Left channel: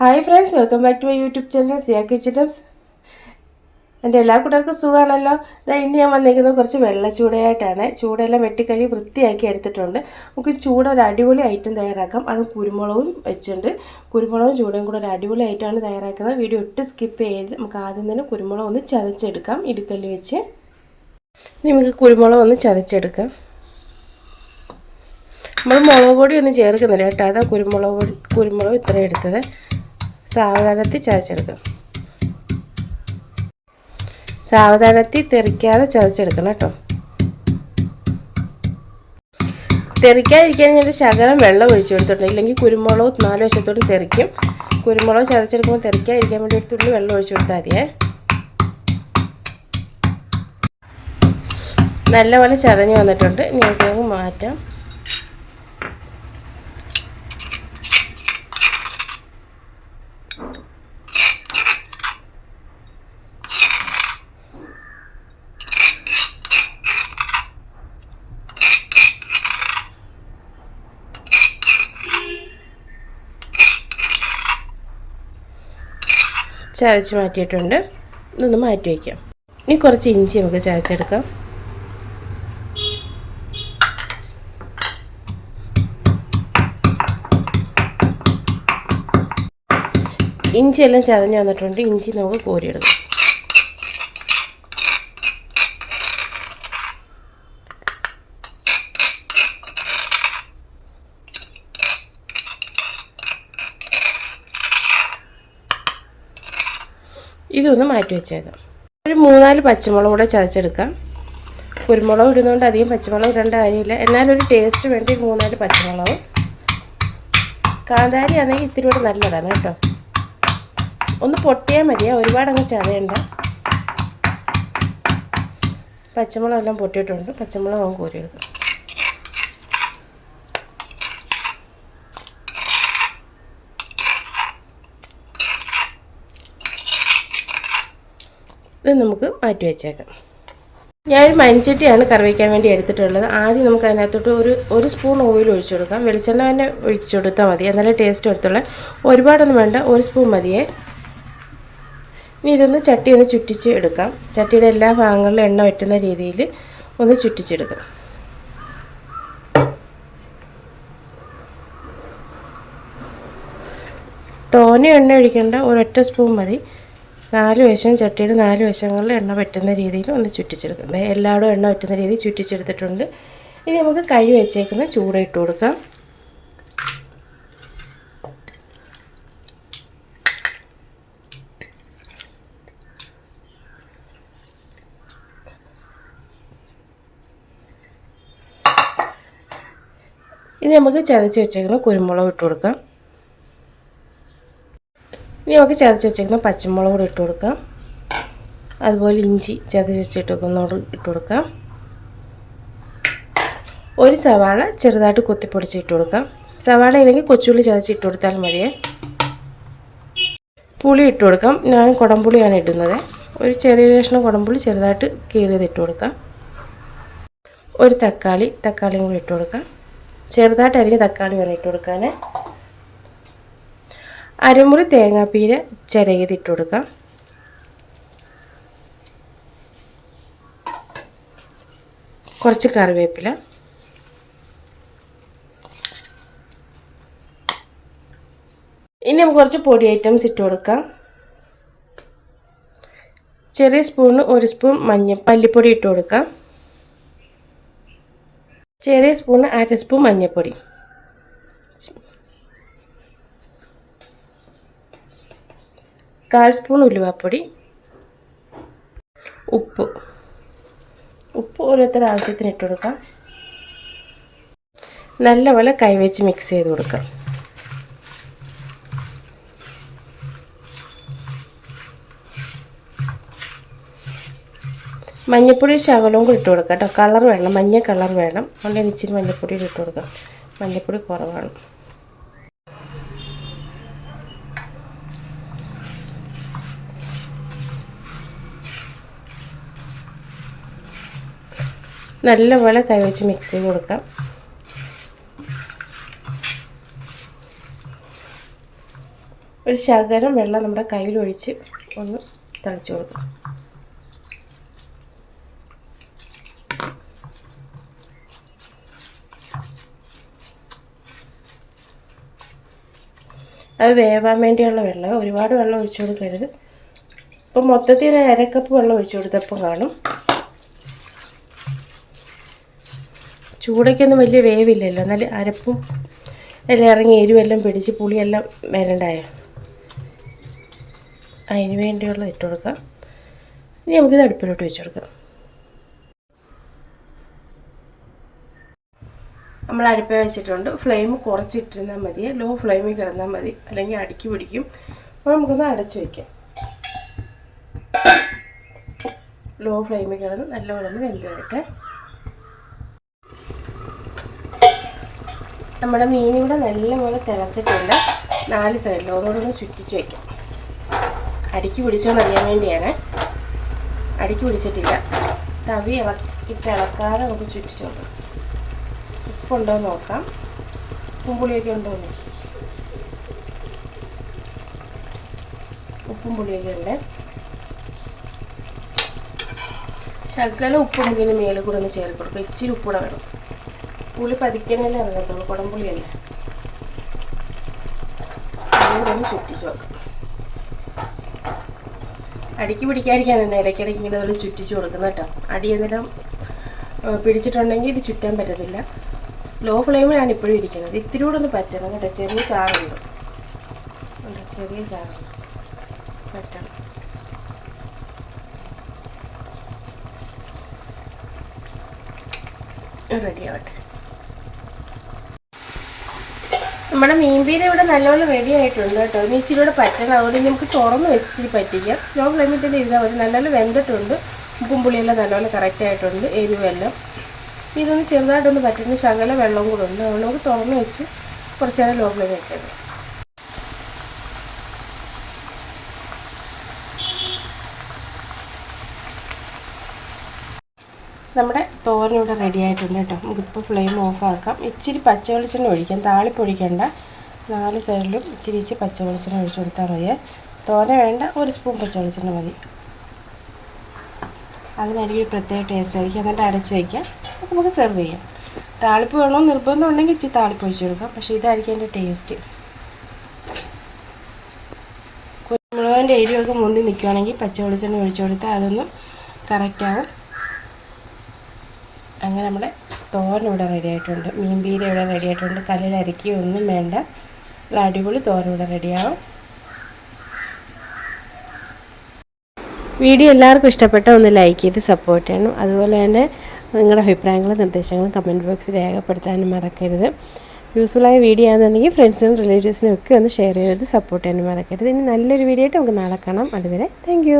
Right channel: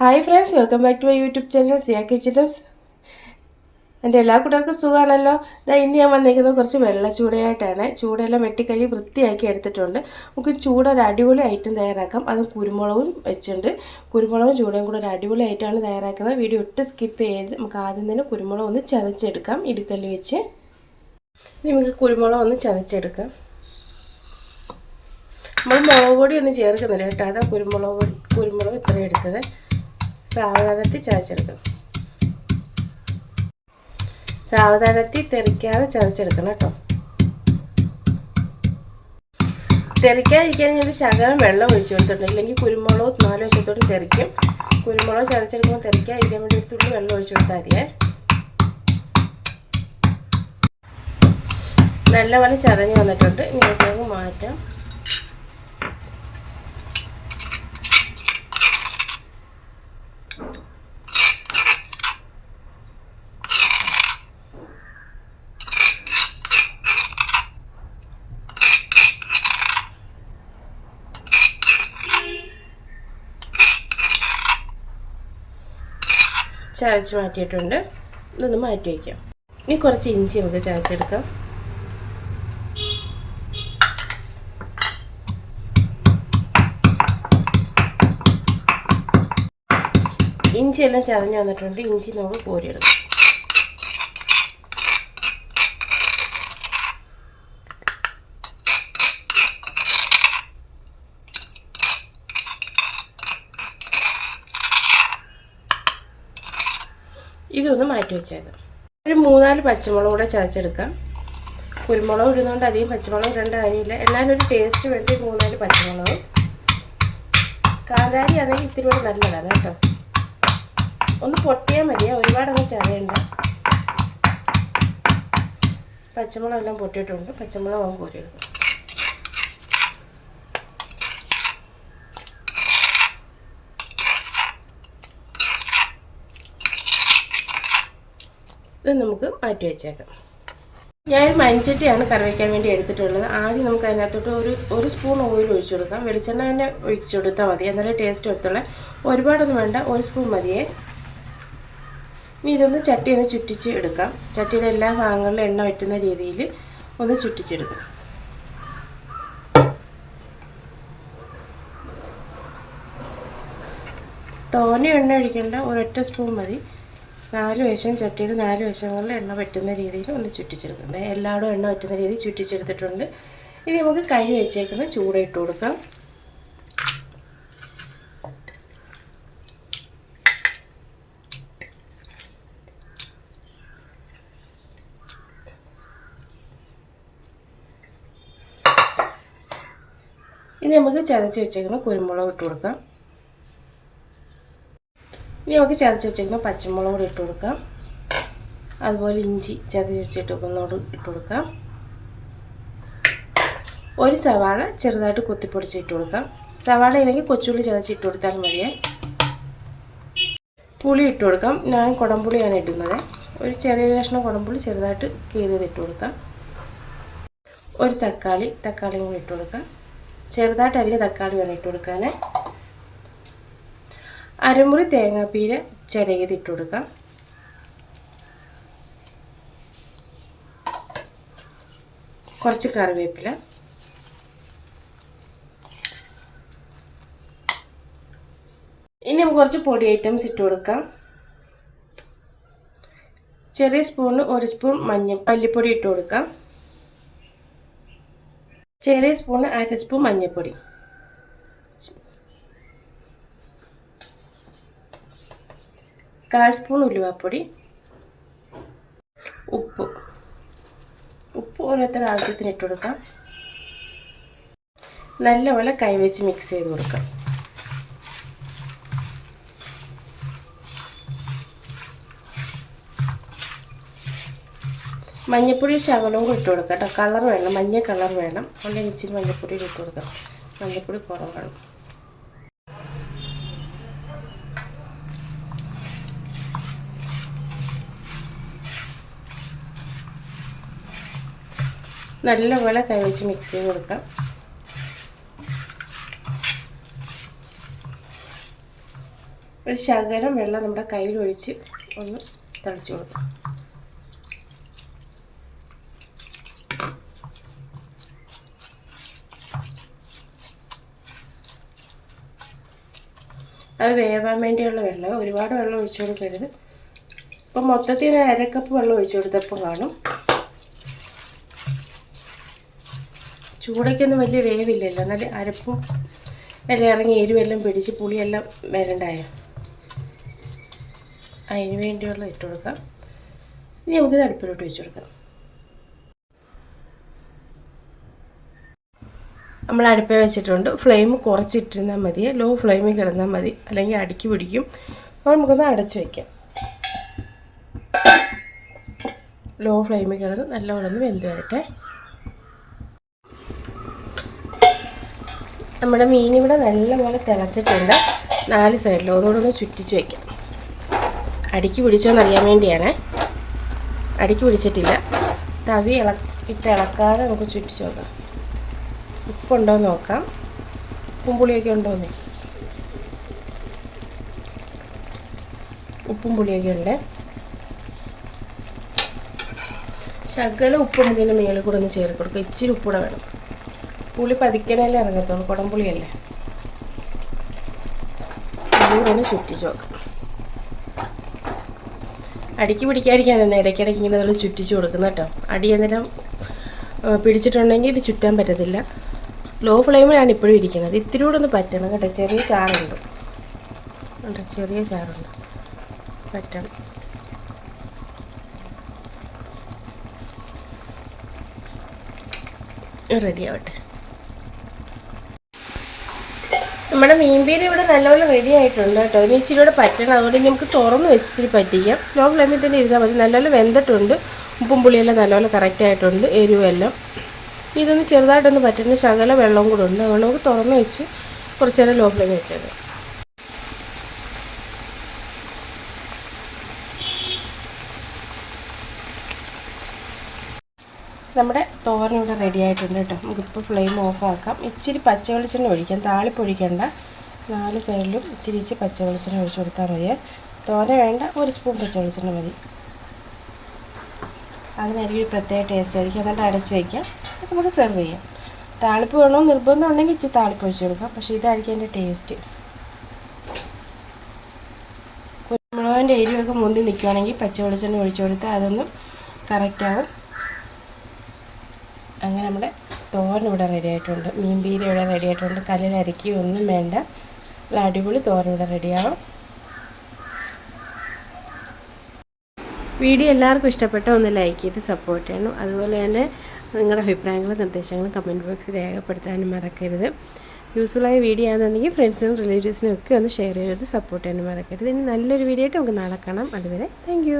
Hi friends, welcome back to my YouTube channel Siya kitchen tips. എൻ്റെ എല്ലാ കൂട്ടുകാർക്കും സുഖമാണല്ലോ. ഇന്ന് ഞാൻ വന്നിരിക്കുന്നത് കുറച്ച് വെള്ളച്ചൂടയായിട്ടാണ്. ചൂടെല്ലാം വെട്ടിക്കഴുകി വൃത്തിയാക്കി എടുത്തിട്ടുണ്ട്. നമുക്ക് ചൂട ഒരു അടിപൊളി ഐറ്റം തയ്യാറാക്കാം. അതും കുരുമുളകും വെച്ചിട്ടുണ്ട്. കുരുമുളകും ചൂടയും കൂടെ ഒരു അടിപൊളി ഐറ്റമാണ് തയ്യാറാക്കുന്നത്. വീഡിയോ ഒട്ടും സ്കിപ്പ് ചെയ്ത് നമുക്ക് ആദ്യം തന്നെ കുരുമുളക് ഒന്ന് ചതച്ചെടുക്കാം ഇടുക്കല്ല് വെച്ച്. നമുക്ക് കുരുമുളക് ഒന്ന് ചതച്ചെടുക്കാം. നമ്മൾ മുളക് പൊടി ഒന്നും ചേർക്കുന്നില്ല കേട്ടോ. അതാ കുരുമുളക് ഇത്രയും എടുത്തത്. സാവധാനത്തിൽ ചതച്ചെടുക്കാം. സാവധാനത്തിൽ തെറിക്കാതെ ചതച്ചെടുക്കണം കേട്ടോ. തെറിക്കാതിരിക്കാൻ ഞാൻ ശകലം വെള്ളം ഒഴിച്ചു കൊടുത്തിട്ടുണ്ട്. ഇല്ലെങ്കിൽ കുരുമുളക് 4 വശത്തോടും തെറിക്കും. കുരുമുളക് ചതച്ചെടുക്കുമ്പോൾ തെറിക്കാതിരിക്കാൻ വേണ്ടി ഒരു തുള്ളി വെള്ളം ഒഴിച്ചു കൊടുത്താൽ മതിയേ. നല്ലപോലെ ചതഞ്ഞ് വന്നിട്ടുണ്ട്. ഇനി നമുക്കങ്ങ് മാറ്റാം. ചതച്ച് മാറ്റിയിട്ടുണ്ട്. ഇതൊന്ന് മാറ്റി വയ്ക്കാം. ഇനി കുറച്ച് ഇഞ്ചി നമുക്ക് ചതച്ചെടുക്കാം. ഇഞ്ചിയെല്ലാം ചതഞ്ഞ് വന്നിട്ടുണ്ട്. ഇഞ്ചി നമുക്ക് കോരിയെടുക്കാം. ഇതൊന്ന് മാറ്റി വെച്ചേക്കാം. ഒരു 3-4 പച്ചമുളക് കൂടെ ചതച്ചെടുക്കാം. കുരുമുളക് ഇടുന്നതുകൊണ്ട് അധികം പച്ചമുളക് ഇടേണ്ട കാര്യമില്ല. എന്നാലൊരു ടേസ്റ്റ് വേണ്ടി 3-4 പച്ചമുളക്. കാന്താരി ആണെങ്കിൽ ഇത്തിരി കൂടെ നല്ലതാണ് കേട്ടോ. ഒന്ന് പൊട്ടിയാൽ മതിയാ, ഒരുപാടങ്ങ് ചതയണ്ട. പച്ചമുളകെല്ലാം പൊട്ടിയിട്ടുണ്ട്. പച്ചമുളക് ആവും കോരിയെടുക്കാം. ഇത് നമുക്ക് മാറ്റി വെച്ചേക്കാം. ഞാനൊരു മൺചട്ടിയാണ് കറി വയ്ക്കാൻ വേണ്ടി എടുത്തിട്ടുള്ളത്. ആദ്യം നമുക്ക് അതിനകത്തോട്ട് ഒരു സ്പൂൺ ഓയിൽ ഒഴിച്ചു കൊടുക്കാം. വെളിച്ചെണ്ണ തന്നെ ഒഴിച്ചു കൊടുത്താൽ മതി, എന്നാലേ ടേസ്റ്റ് എടുത്തുള്ള. ഒരുപാടൊന്നും വേണ്ട, 1 സ്പൂൺ മതിയേ. ഇനി ഇതൊന്ന് ചട്ടി ഒന്ന് ചുറ്റിച്ച് എടുക്കാം. ചട്ടിയുടെ എല്ലാ ഭാഗങ്ങളിലും എണ്ണ വറ്റുന്ന രീതിയിൽ ഒന്ന് ചുറ്റിച്ചെടുക്കാം. തോനെ എണ്ണ ഒഴിക്കേണ്ട, 1 സ്പൂൺ മതി. 4 വശം ചട്ടിയുടെ 4 വശങ്ങളിൽ എണ്ണ വറ്റുന്ന രീതിയിൽ ഒന്ന് ചുറ്റിച്ചെടുക്കാം. എല്ലായിടും എണ്ണ വറ്റുന്ന രീതിയിൽ ചുറ്റിച്ചെടുത്തിട്ടുണ്ട്. ഇനി നമുക്ക് കഴുകി വെച്ചേക്കുന്ന ചൂട ഇട്ട് കൊടുക്കാം. ഇനി നമുക്ക് ചതച്ച് വെച്ചേക്കുന്ന കുരുമുളക് ഇട്ട് കൊടുക്കാം. ഇനി നമുക്ക് ചതച്ച് വെച്ചേക്കുന്ന പച്ചമുളക് കൂടി ഇട്ട് കൊടുക്കാം. അതുപോലെ ഇഞ്ചി ചതച്ച് വെച്ചിട്ടൊന്നോട് ഇട്ട് കൊടുക്കാം. ഒരു സവാള ചെറുതായിട്ട് കൊത്തിപ്പൊടിച്ച് ഇട്ട് കൊടുക്കാം. സവാള ഇല്ലെങ്കിൽ കൊച്ചുള്ളി ചതച്ച് ഇട്ട് കൊടുത്താൽ മതിയേ. പുളി ഇട്ട് കൊടുക്കാം. ഞാൻ കുടംപുളിയാണ് ഇടുന്നത്. ഒരു ചെറിയ കഷ്ണം കുടംപുളി ചെറുതായിട്ട് കീറിയത് ഇട്ട് കൊടുക്കാം. ഒരു തക്കാളിയും കൂടി ഇട്ട് കൊടുക്കാം. ചെറുതായിട്ട് അരിഞ്ഞ തക്കാളി വേണം ഇട്ട് കൊടുക്കാൻ. അരമുറി തേങ്ങാപ്പീര ചിരകിയത് ഇട്ട് കൊടുക്കാം. കുറച്ച് കറിവേപ്പില. ഇനി നമുക്ക് കുറച്ച് പൊടി ഐറ്റംസ് ഇട്ട് കൊടുക്കാം. ചെറിയ സ്പൂണിന് 1 സ്പൂൺ മല്ലിപ്പൊടി ഇട്ട് കൊടുക്കാം. ചെറിയ സ്പൂണിന് 1/2 സ്പൂൺ മഞ്ഞൾപ്പൊടി. 1/4 സ്പൂൺ ഉലുവാപ്പൊടി. ഉപ്പ് ഓരോരുത്തരുടെ ആവശ്യത്തിന് ഇട്ട് കൊടുക്കാം. നല്ലപോലെ കൈവച്ച് മിക്സ് ചെയ്ത് കൊടുക്കാം. മഞ്ഞൾപ്പൊടി ശകലവും കൂടി ഇട്ട് കൊടുക്കാം കേട്ടോ. കളർ വേണം, മഞ്ഞ കളർ വേണം. അതുകൊണ്ട് ഇച്ചിരി മഞ്ഞൾപ്പൊടി ഇട്ട് കൊടുക്കാം. മഞ്ഞൾപ്പൊടി കുറവാണ്. നല്ലപോലെ കൈവച്ച് മിക്സ് ചെയ്ത് കൊടുക്കാം. ഒരു ശകലം വെള്ളം നമ്മുടെ കയ്യിലൊഴിച്ച് ഒന്ന് തളിച്ചു കൊടുക്കും. അത് വേവാൻ വേണ്ടിയുള്ള വെള്ളം, ഒരുപാട് വെള്ളം ഒഴിച്ചു കൊടുക്കരുത്. ഇപ്പം മൊത്തത്തിൽ ഒരു 1/2 കപ്പ് വെള്ളം ഒഴിച്ചു കൊടുത്തപ്പോൾ കാണും. ചൂടയ്ക്കൊന്നും വലിയ വേവില്ലല്ലോ, എന്നാൽ അരപ്പും എല്ലാം ഇറങ്ങി എരിവെല്ലാം പിടിച്ച് പുളിയെല്ലാം വരണ്ടായോ. അതിന് വേണ്ടിയുള്ള ഇട്ട് കൊടുക്കാം. ഇനി നമുക്കിത് അടുപ്പിലോട്ട് വെച്ച് കൊടുക്കാം. നമ്മൾ അടുപ്പേ വെച്ചിട്ടുണ്ട്. ഫ്ലെയിം കുറച്ചിട്ടിരുന്നാൽ മതി, ലോ ഫ്ലെയിമിൽ കിടന്നാൽ മതി, അല്ലെങ്കിൽ അടുക്കി പിടിക്കും. അപ്പോൾ നമുക്കൊന്ന് അടച്ചു വയ്ക്കാം. ലോ ഫ്ലെയിമിൽ കിടന്ന് നല്ലപോലെ ഒന്ന് വെന്ത് വരട്ടെ. നമ്മുടെ മീനിവിടെ നല്ലപോലെ തിളച്ചിട്ടുണ്ട്. 4 സൈഡിലും അതുകൊണ്ട് ഒന്ന് ചുറ്റിച്ച് വയ്ക്കാം. അടുക്കി പിടിച്ചോന്ന് അറിയാൻ വേണ്ടിയാണ്. അടുക്കി പിടിച്ചിട്ടില്ല. തവി ഇളക്കാതെ നമുക്ക് ചുറ്റിച്ച് നോക്കാം. ഉപ്പുണ്ടോ എന്ന് നോക്കാം. ഉപ്പും പുളിയൊക്കെ ഉണ്ടോന്നേ. ഉപ്പും പുളിയൊക്കെ ഉണ്ട്. ശകലം ഉപ്പുണ്ടെങ്കിൽ മേളിൽ കൂടെ ഒന്ന് ചേർത്ത് കൊടുക്കുക. ഇച്ചിരി ഉപ്പൂടെ വേണം. പുളി പതിക്കണല്ലേ ഇറങ്ങത്തുള്ളൂ, കുടംപുളിയല്ലേ. അതുകൂടെ ഒന്ന് ചുറ്റിച്ച് നോക്കാം. അടിക്ക് പിടിക്കാതിരിക്കാനെന്ന് ഇടയ്ക്കിടയ്ക്ക് ഇങ്ങനെ നമ്മൾ ചുറ്റിച്ച് കൊടുക്കുന്നത് കേട്ടോ. അടി എന്നിട്ട് പിടിച്ചിട്ടുണ്ടെങ്കിൽ ഇത് ചുറ്റാൻ പറ്റത്തില്ല. ലോ ഫ്ലെയിമിലാണ് ഇപ്പോഴും ഇരിക്കുന്നത്. ഇത്തിരി കൂടെ ഒന്ന് പറ്റണം കേട്ടോ. ചെറിയ ചാറുണ്ട്, ചെറിയ ചാറുണ്ട്, പറ്റണം. റെഡി ആവട്ടെ. നമ്മുടെ മീൻപീര ഇവിടെ നല്ലപോലെ റെഡി ആയിട്ടുണ്ട് കേട്ടോ. ഇനി ഇച്ചിരി കൂടെ പറ്റണം. അതുകൊണ്ട് നമുക്ക് തുറന്ന് വെച്ച് ഇച്ചിരി പറ്റിക്കാം. ലോ ഫ്ലെയിമിൽ തന്നെ ഇരുന്നാൽ മതി. നല്ലപോലെ വെന്തിട്ടുണ്ട്. ഉപ്പും പുളിയെല്ലാം നല്ലപോലെ കറക്റ്റ് ആയിട്ടുണ്ട്, എരിവെല്ലാം. ഇതൊന്ന് ചെറുതായിട്ടൊന്ന് പറ്റുന്ന ശകല വെള്ളം കൂടെ ഉണ്ട്. അതുകൊണ്ട് നമുക്ക് തുറന്ന് വെച്ച് കുറച്ച് നേരം ലോ ഫ്ലെയിമിൽ വെച്ചത്. നമ്മുടെ തോരൻ ഇവിടെ റെഡി ആയിട്ടുണ്ട് കേട്ടോ. നമുക്കിപ്പോൾ ഫ്ലെയിം ഓഫ് ആക്കാം. ഇച്ചിരി പച്ച വെളിച്ചെണ്ണ ഒഴിക്കാം. താളിപ്പൊഴിക്കണ്ട. 4 സൈഡിലും ഇച്ചിരി പച്ച വെളിച്ചെണ്ണ ഒഴിച്ച് കൊടുത്താൽ മതി. തോര വേണ്ട, 1 സ്പൂൺ പച്ച വെളിച്ചെണ്ണ മതി. അതിനായിരിക്കും ഒരു പ്രത്യേക ടേസ്റ്റ് ആയിരിക്കും. എന്നിട്ട് അടച്ച് വയ്ക്കാം. അത് നമുക്ക് സെർവ് ചെയ്യാം. താളിപ്പ് വേണമെന്ന് നിർബന്ധം ഉണ്ടെങ്കിൽ ഇച്ചിരി താളിപ്പ് ഒഴിച്ച് കൊടുക്കാം. പക്ഷേ ഇതായിരിക്കും അതിൻ്റെ ടേസ്റ്റ്. കുരുമുളകിൻ്റെ എരിവൊക്കെ മുന്തി നിൽക്കുകയാണെങ്കിൽ പച്ച വെളിച്ചെണ്ണ ഒഴിച്ച് കൊടുത്താൽ അതൊന്ന് കറക്റ്റാവും. അങ്ങനെ നമ്മുടെ തോരൻ ഇവിടെ റെഡി ആയിട്ടുണ്ട്. മീൻപീര ഇവിടെ റെഡി ആയിട്ടുണ്ട്. കല്ലിൽ അരക്കുകയൊന്നും വേണ്ട. അടിപൊളി തോരൻ ഇവിടെ റെഡിയാവും. വീഡിയോ എല്ലാവർക്കും ഇഷ്ടപ്പെട്ട ഒന്ന് ലൈക്ക് ചെയ്ത് സപ്പോർട്ട് ചെയ്യണം. അതുപോലെ തന്നെ നിങ്ങളുടെ അഭിപ്രായങ്ങളും നിർദ്ദേശങ്ങളും കമൻറ്റ് ബോക്സിൽ രേഖപ്പെടുത്താനും മറക്കരുത്. യൂസ്ഫുള്ളായ വീഡിയോ ആണെന്നുണ്ടെങ്കിൽ ഫ്രണ്ട്സിനും റിലേറ്റീവ്സിനും ഒക്കെ ഒന്ന് ഷെയർ ചെയ്ത് സപ്പോർട്ട് ചെയ്യാനും മറക്കരുത്. ഇനി നല്ലൊരു വീഡിയോ ആയിട്ട് നമുക്ക് നാളെ കാണാം. അതുവരെ താങ്ക്